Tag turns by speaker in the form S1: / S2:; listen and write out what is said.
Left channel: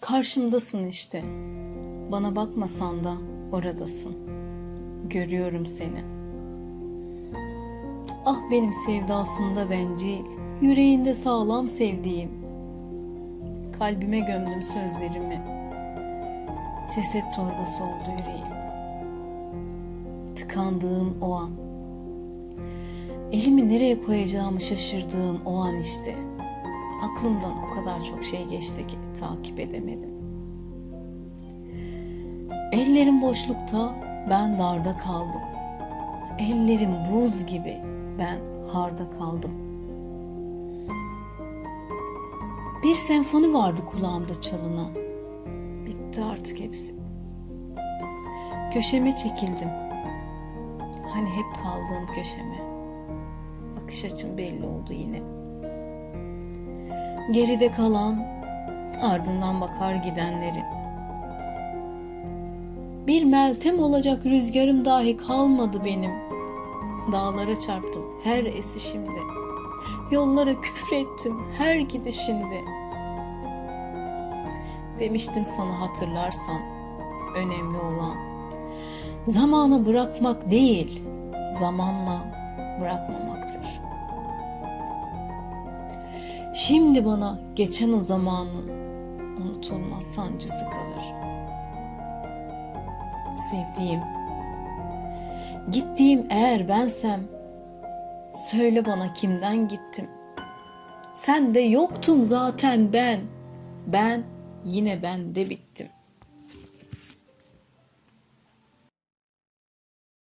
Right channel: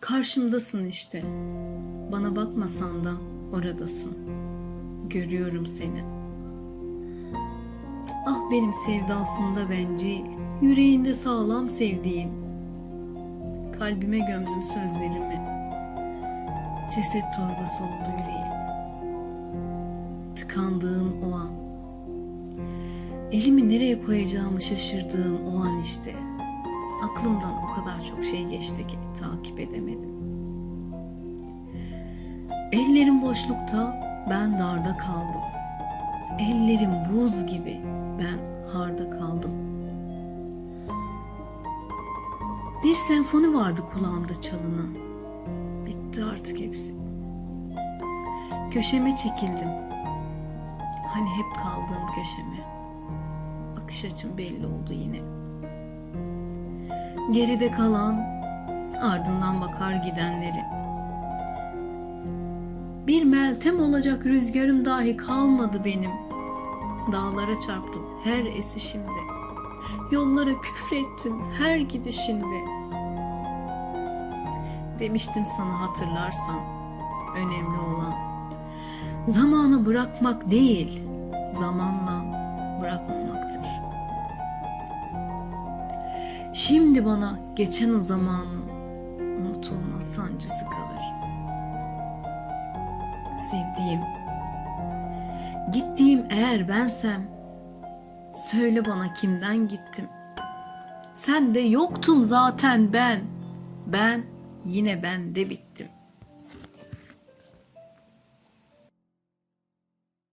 S1: Karşımdasın işte. Bana bakmasan da oradasın. Görüyorum seni. Ah benim sevdasında bencil, yüreğinde sağlam sevdiğim. Kalbime gömdüm sözlerimi. Ceset torbası oldu yüreğim. Tıkandığım o an. Elimi nereye koyacağımı şaşırdığım o an işte. Aklımdan o kadar çok şey geçti ki takip edemedim. Ellerim boşlukta, ben darda kaldım. Ellerim buz gibi, ben harda kaldım. Bir senfoni vardı kulağımda çalınan. Bitti artık hepsi. Köşeme çekildim. Hani hep kaldığım köşeme. Bakış açım belli oldu yine. Geride kalan, ardından bakar gidenlerin. Bir meltem olacak rüzgarım dahi kalmadı benim. Dağlara çarptım her esişimde. Yollara küfrettim her gidişinde. Demiştim sana hatırlarsan önemli olan zamanı bırakmak değil, zamanla bırakmamaktır. Şimdi bana geçen o zamanın unutulmaz sancısı kalır. Sevdiğim, gittiğim eğer bensem, söyle bana kimden gittim. Sen de yoktum zaten ben, ben yine bende bittim.